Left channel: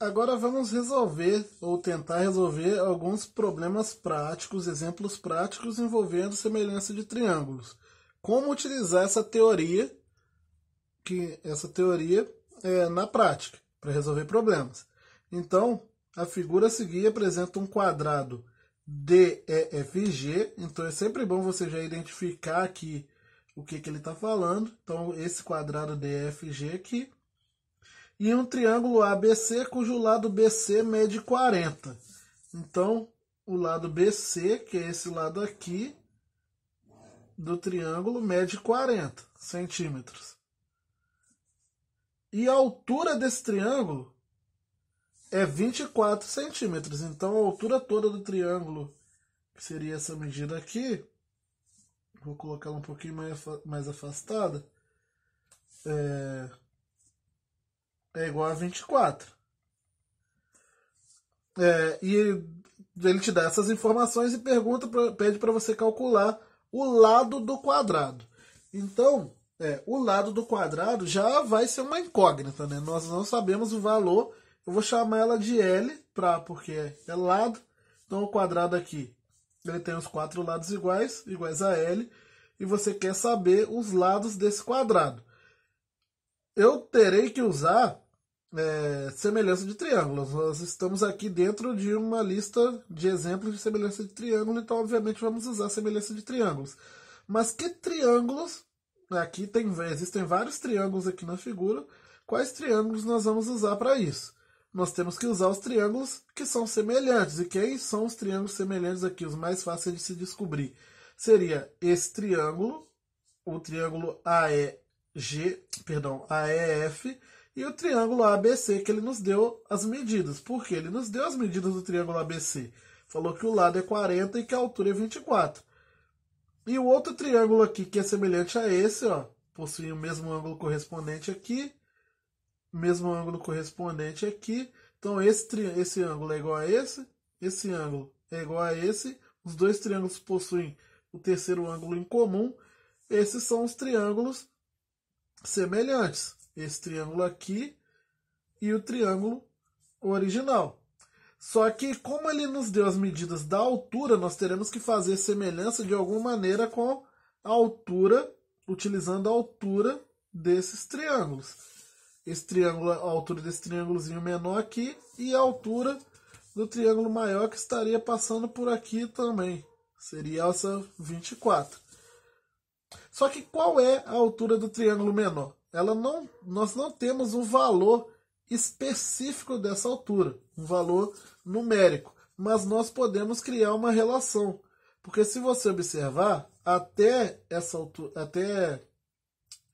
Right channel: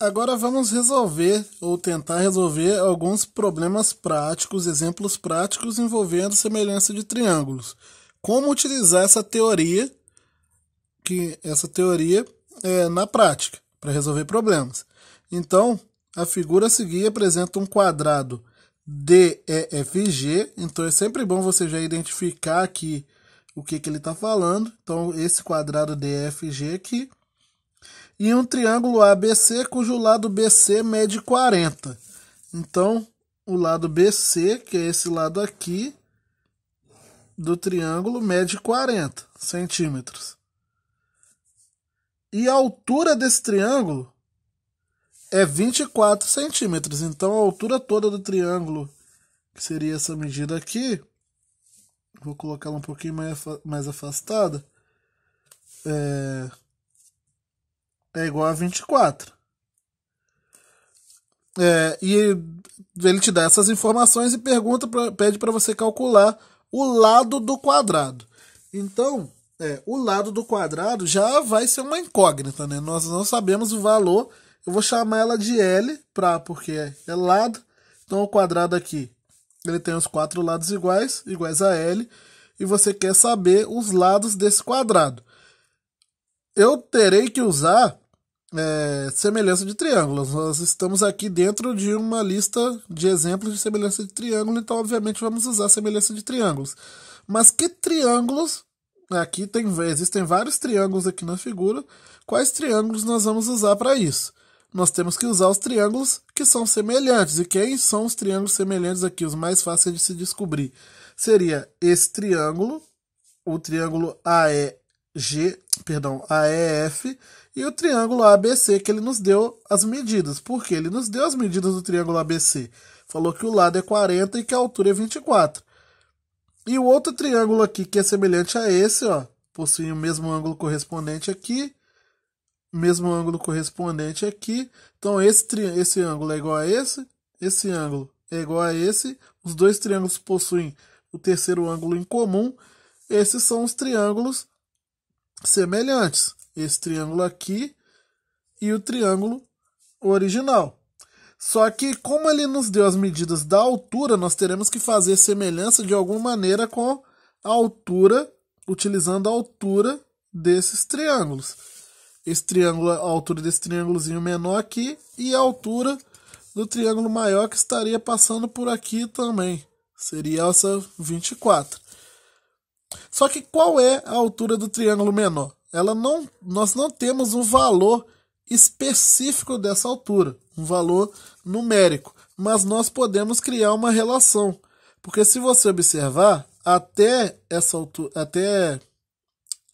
Agora vamos resolver ou tentar resolver alguns problemas práticos, exemplos práticos envolvendo semelhança de triângulos. Como utilizar essa teoria na prática para resolver problemas. Então, a figura a seguir apresenta um quadrado DEFG. Então é sempre bom você já identificar aqui o que ele está falando. Então, esse quadrado DEFG aqui. E um triângulo ABC cujo lado BC mede 40. Então, o lado BC, que é esse lado aqui do triângulo, mede 40 centímetros. E a altura desse triângulo é 24 centímetros. Então, a altura toda do triângulo, que seria essa medida aqui, vou colocar ela um pouquinho mais afastada, é igual a 24. E ele te dá essas informações e pede para você calcular o lado do quadrado. Então, o lado do quadrado já vai ser uma incógnita, né? Nós não sabemos o valor. Eu vou chamar ela de L, porque é lado. Então, o quadrado aqui, ele tem os 4 lados iguais a L. E você quer saber os lados desse quadrado. Eu terei que usar semelhança de triângulos. Nós estamos aqui dentro de uma lista de exemplos de semelhança de triângulo, então obviamente vamos usar semelhança de triângulos. Mas que triângulos? Aqui existem vários triângulos aqui na figura. Quais triângulos nós vamos usar para isso? Nós temos que usar os triângulos que são semelhantes. E quem são os triângulos semelhantes aqui? Os mais fáceis de se descobrir. Seria esse triângulo, o triângulo AEF, e o triângulo ABC, que ele nos deu as medidas. Por quê? Ele nos deu as medidas do triângulo ABC. Falou que o lado é 40 e que a altura é 24. E o outro triângulo aqui, que é semelhante a esse, ó, possui o mesmo ângulo correspondente aqui, mesmo ângulo correspondente aqui. Então, esse ângulo é igual a esse ângulo é igual a esse. Os dois triângulos possuem o terceiro ângulo em comum. Esses são os triângulos semelhantes. Esse triângulo aqui e o triângulo original. Só que, como ele nos deu as medidas da altura, nós teremos que fazer semelhança de alguma maneira com a altura, utilizando a altura desses triângulos. Esse triângulo, a altura desse triângulozinho menor aqui e a altura do triângulo maior que estaria passando por aqui também. Seria essa 24. Só que qual é a altura do triângulo menor? Nós não temos um valor específico dessa altura, um valor numérico, mas nós podemos criar uma relação, porque se você observar, até essa altura, até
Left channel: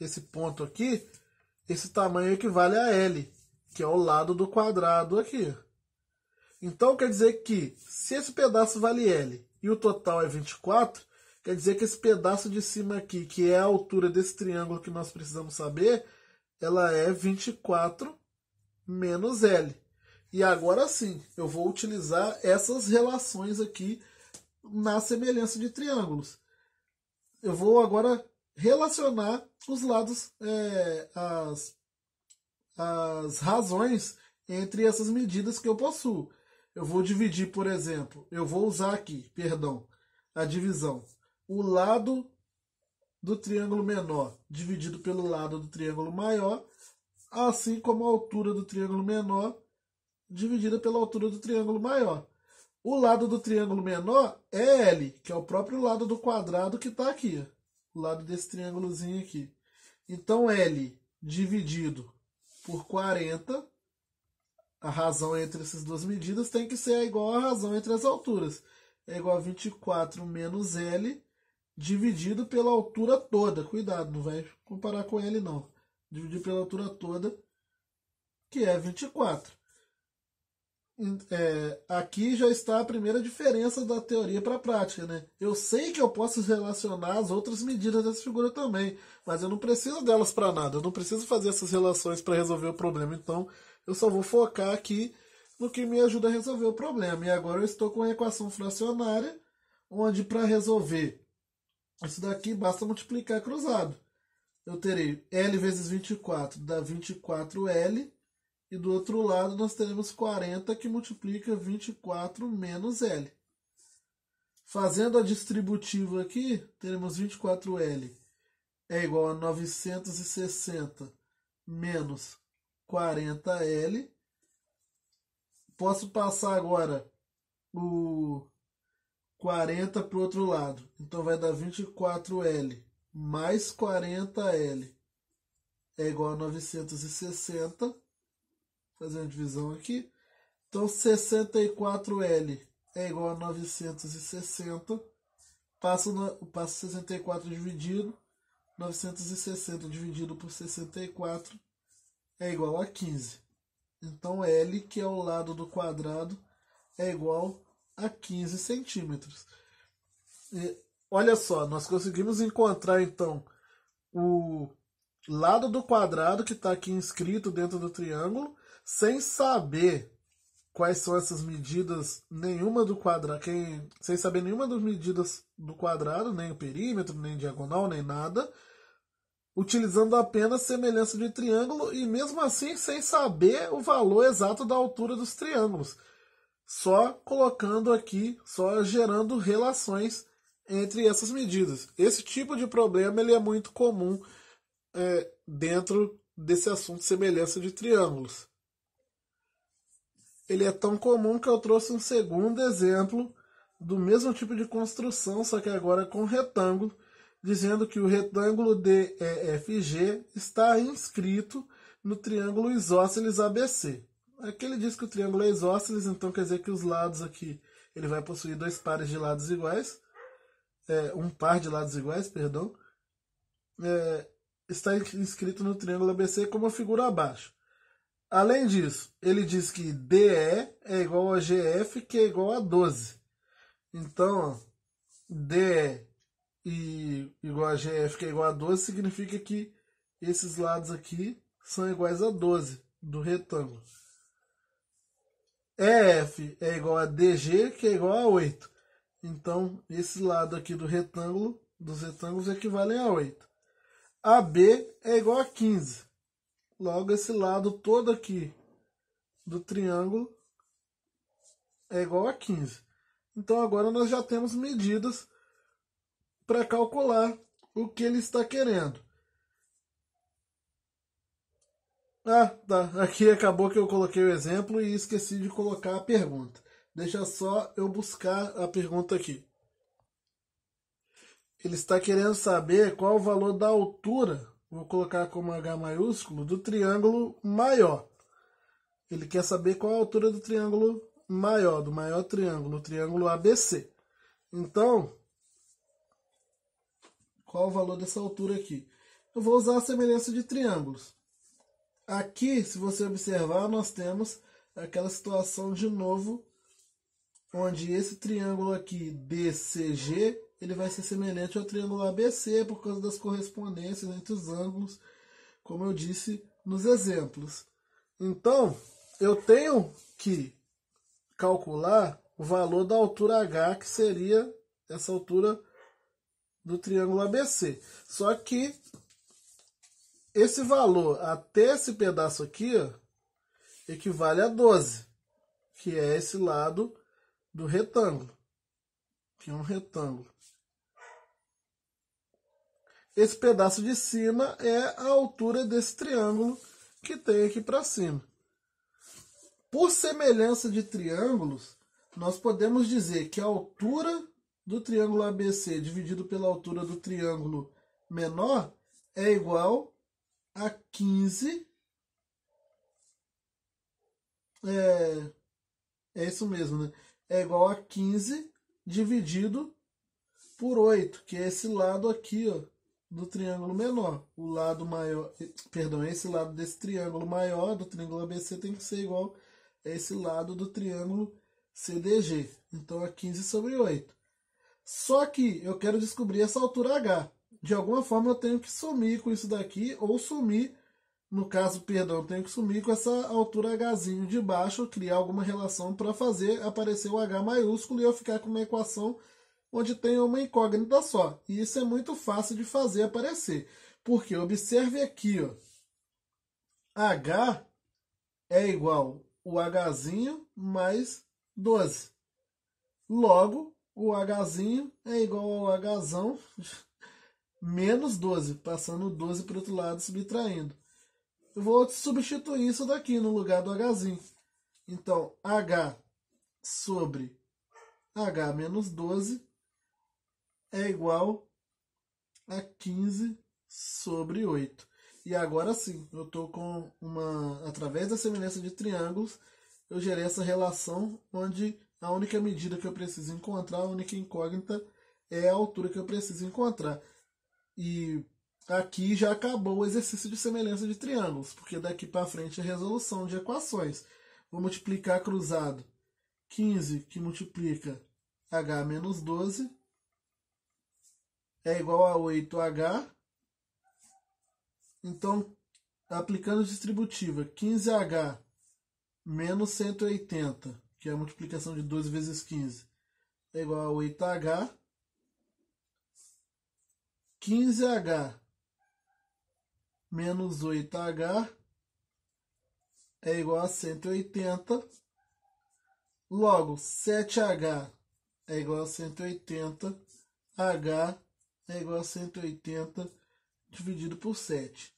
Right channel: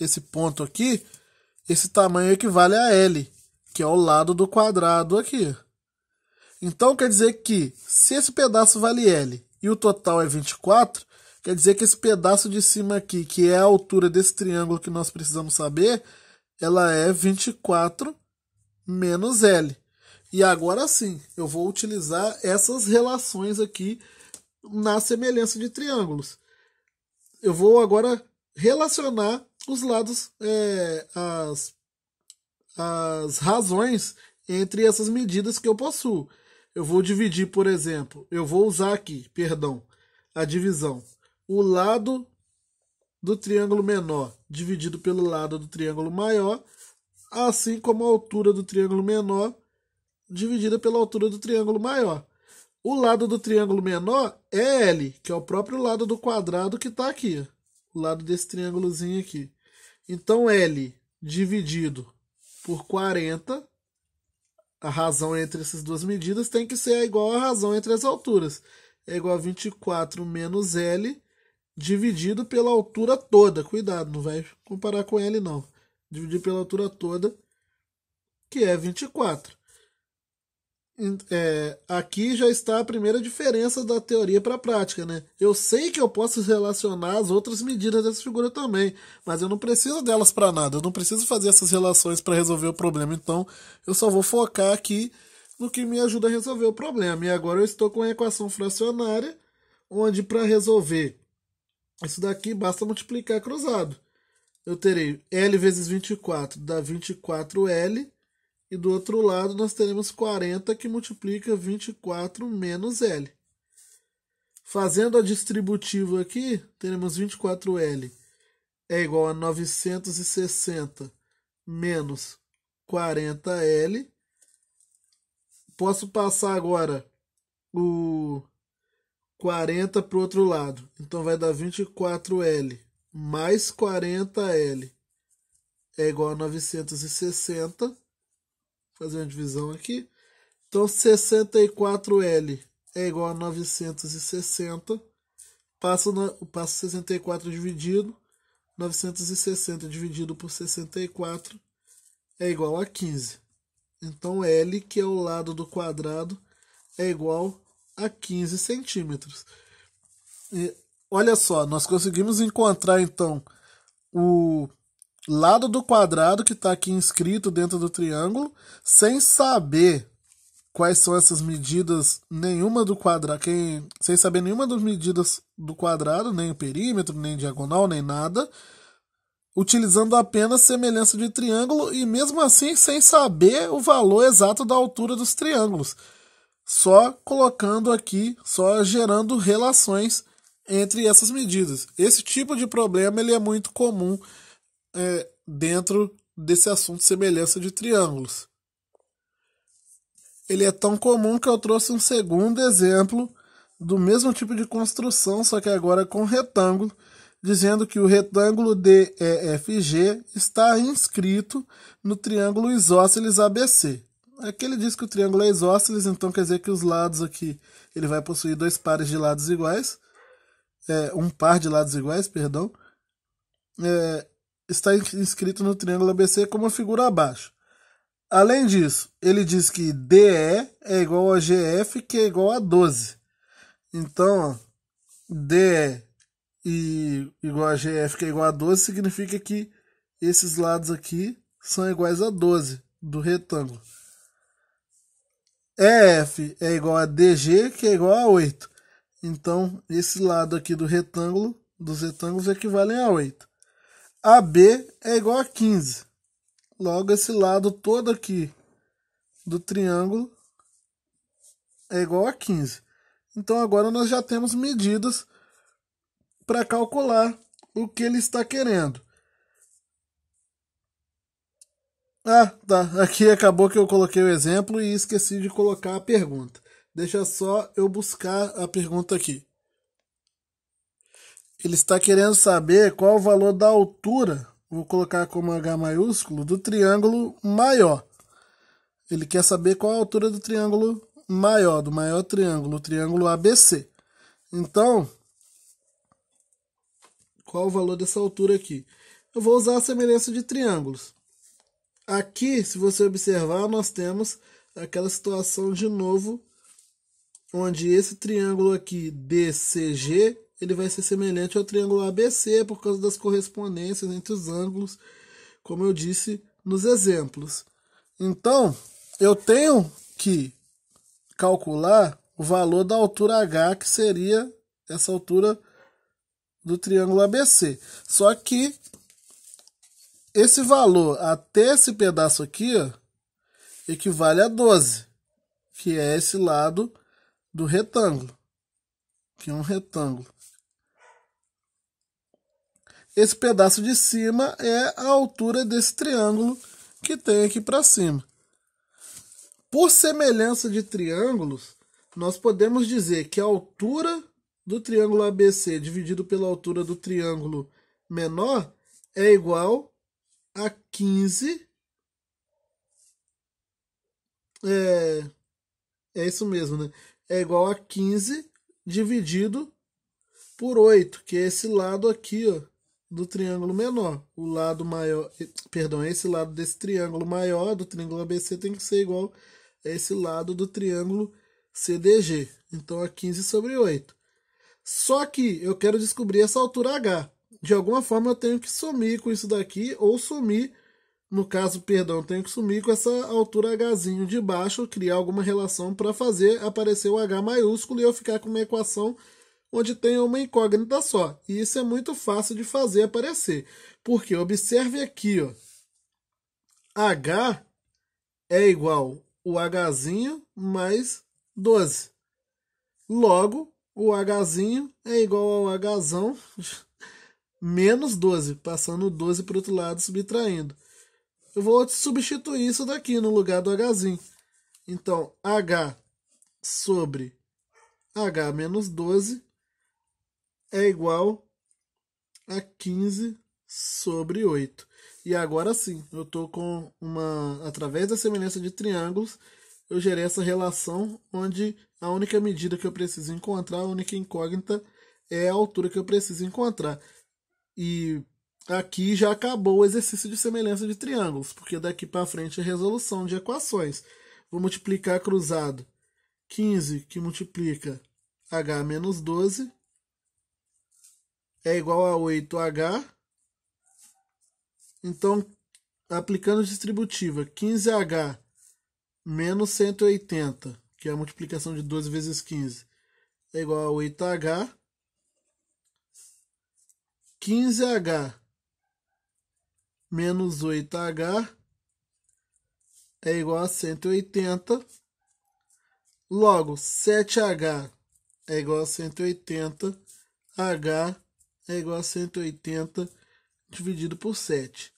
esse ponto aqui, esse tamanho equivale a L, que é o lado do quadrado aqui. Então quer dizer que se esse pedaço vale L e o total é 24, quer dizer que esse pedaço de cima aqui, que é a altura desse triângulo que nós precisamos saber, ela é 24 menos L. E agora sim, eu vou utilizar essas relações aqui na semelhança de triângulos. Eu vou agora relacionar os lados, as razões entre essas medidas que eu possuo. Eu vou dividir, por exemplo, eu vou usar aqui, a divisão. O lado do triângulo menor dividido pelo lado do triângulo maior, assim como a altura do triângulo menor dividida pela altura do triângulo maior. O lado do triângulo menor é L, que é o próprio lado do quadrado que está aqui. O lado desse triângulozinho aqui. Então, L dividido por 40, a razão entre essas duas medidas tem que ser igual à razão entre as alturas. É igual a 24 menos L dividido pela altura toda. Cuidado, não vai comparar com L não. Dividir pela altura toda, que é 24. Aqui já está a primeira diferença da teoria para a prática, né? Eu sei que eu posso relacionar as outras medidas dessa figura também, mas eu não preciso delas para nada. Eu não preciso fazer essas relações para resolver o problema. Então, eu só vou focar aqui no que me ajuda a resolver o problema. E agora eu estou com a equação fracionária, onde para resolver isso daqui basta multiplicar cruzado. Eu terei L vezes 24 dá 24L, E do outro lado nós teremos 40 que multiplica 24 menos L. Fazendo a distributiva aqui, teremos 24L é igual a 960 menos 40L. Posso passar agora o 40 para o outro lado. Então vai dar 24L mais 40L é igual a 960. Fazer uma divisão aqui. Então 64L é igual a 960. Passo 64 dividido. 960 dividido por 64 é igual a 15. Então L, que é o lado do quadrado, é igual a 15 centímetros. E olha só, nós conseguimos encontrar então o lado do quadrado que está aqui inscrito dentro do triângulo, sem saber quais são essas medidas nenhuma do quadrado, sem saber nenhuma das medidas do quadrado, nem o perímetro, nem diagonal, nem nada, utilizando apenas semelhança de triângulo e mesmo assim sem saber o valor exato da altura dos triângulos, só colocando aqui, só gerando relações entre essas medidas. Esse tipo de problema ele é muito comum dentro desse assunto de semelhança de triângulos. Ele é tão comum que eu trouxe um segundo exemplo do mesmo tipo de construção, só que agora com retângulo, dizendo que o retângulo DEFG está inscrito no triângulo isósceles ABC. Aqui ele diz que o triângulo é isósceles, então quer dizer que os lados aqui ele vai possuir dois pares de lados iguais, um par de lados iguais, perdão. Está inscrito no triângulo ABC como a figura abaixo. Além disso, ele diz que DE é igual a GF, que é igual a 12. Então, DE igual a GF, que é igual a 12, significa que esses lados aqui são iguais a 12 do retângulo. EF é igual a DG, que é igual a 8. Então, esse lado aqui do retângulo, dos retângulos equivalem a 8. AB é igual a 15. Logo, esse lado todo aqui do triângulo é igual a 15. Então, agora nós já temos medidas para calcular o que ele está querendo. Ah, tá. Aqui acabou que eu coloquei o exemplo e esqueci de colocar a pergunta. Deixa só eu buscar a pergunta aqui. Ele está querendo saber qual o valor da altura, vou colocar como H maiúsculo, do triângulo maior. Ele quer saber qual a altura do triângulo maior, do maior triângulo, o triângulo ABC. Então, qual o valor dessa altura aqui? Eu vou usar a semelhança de triângulos. Aqui, se você observar, nós temos aquela situação de novo, onde esse triângulo aqui, DCG, ele vai ser semelhante ao triângulo ABC por causa das correspondências entre os ângulos, como eu disse nos exemplos. Então, eu tenho que calcular o valor da altura H, que seria essa altura do triângulo ABC. Só que esse valor até esse pedaço aqui, ó, equivale a 12, que é esse lado do retângulo, que é um retângulo. Esse pedaço de cima é a altura desse triângulo que tem aqui para cima. Por semelhança de triângulos, nós podemos dizer que a altura do triângulo ABC dividido pela altura do triângulo menor é igual a 15. É isso mesmo, né? É igual a 15 dividido por 8, que é esse lado aqui, ó, do triângulo menor. O lado maior, perdão, esse lado desse triângulo maior do triângulo ABC tem que ser igual a esse lado do triângulo CDG. Então é 15 sobre 8. Só que eu quero descobrir essa altura H. De alguma forma eu tenho que sumir com isso daqui, ou sumir, no caso, perdão, eu tenho que sumir com essa altura Hzinho de baixo, criar alguma relação para fazer aparecer o H maiúsculo e eu ficar com uma equação onde tem uma incógnita só. E isso é muito fácil de fazer aparecer. Porque observe aqui, ó, H é igual o Hzinho mais 12. Logo, o Hzinho é igual ao Hzão menos 12, passando o 12 para o outro lado, subtraindo. Eu vou substituir isso daqui no lugar do Hzinho. Então, H sobre H menos 12 é igual a 15 sobre 8. E agora sim, eu estou com uma. Através da semelhança de triângulos, eu gerei essa relação onde a única medida que eu preciso encontrar, a única incógnita, é a altura que eu preciso encontrar. E aqui já acabou o exercício de semelhança de triângulos, porque daqui para frente é resolução de equações. Vou multiplicar cruzado 15 que multiplica h menos 12 é igual a 8h. Então, aplicando distributiva, 15h menos 180, que é a multiplicação de 12 vezes 15, é igual a 8h. 15h menos 8h é igual a 180. Logo, 7h é igual a 180. H é igual a 180 dividido por 7.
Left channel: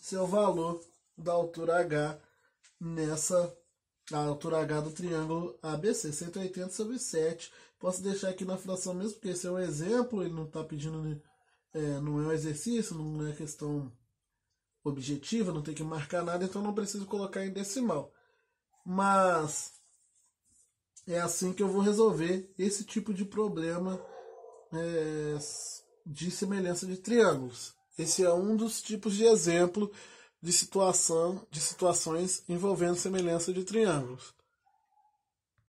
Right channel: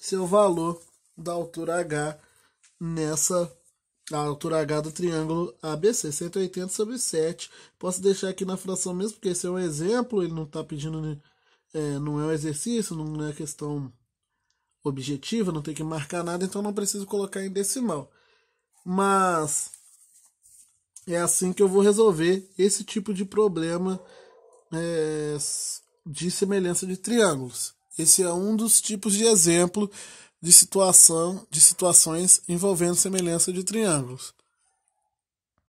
Esse é o valor da altura H nessa a altura H do triângulo ABC, 180 sobre 7. Posso deixar aqui na fração mesmo, porque esse é um exemplo, ele não está pedindo, não é um exercício, não é questão objetiva, não tem que marcar nada, então não preciso colocar em decimal. Mas é assim que eu vou resolver esse tipo de problema de semelhança de triângulos. Esse é um dos tipos de exemplo de situações envolvendo semelhança de triângulos.